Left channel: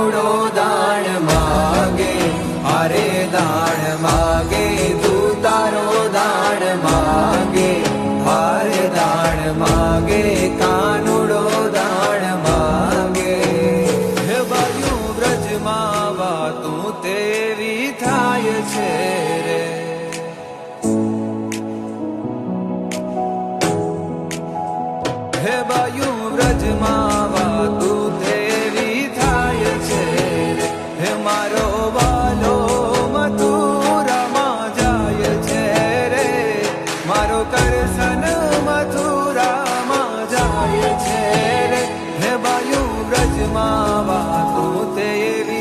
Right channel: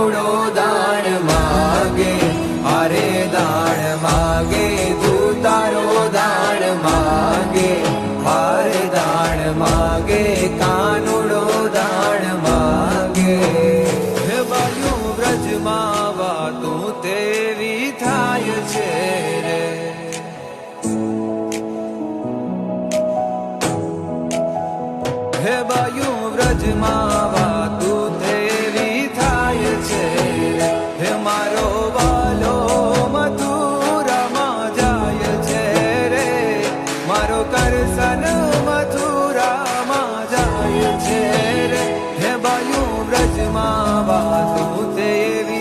કાનુડો દાણ માગે, હારે દાણ માગે, તું તારો દાણ માગે, હારે દાણ માગે, કાનુડો દાણ માગે. હે બાયું વ્રજમાં વાતું તેવી થાય છે રે, હે બાયું વ્રજમાં વાતું તેવી થાય છે રે. હે મારો વાલો મથુરામાં જાય છે રે, મારો કરસન મથુરામાં જાય છે રે. હે બાયું વ્રજમાં વાતું તેવી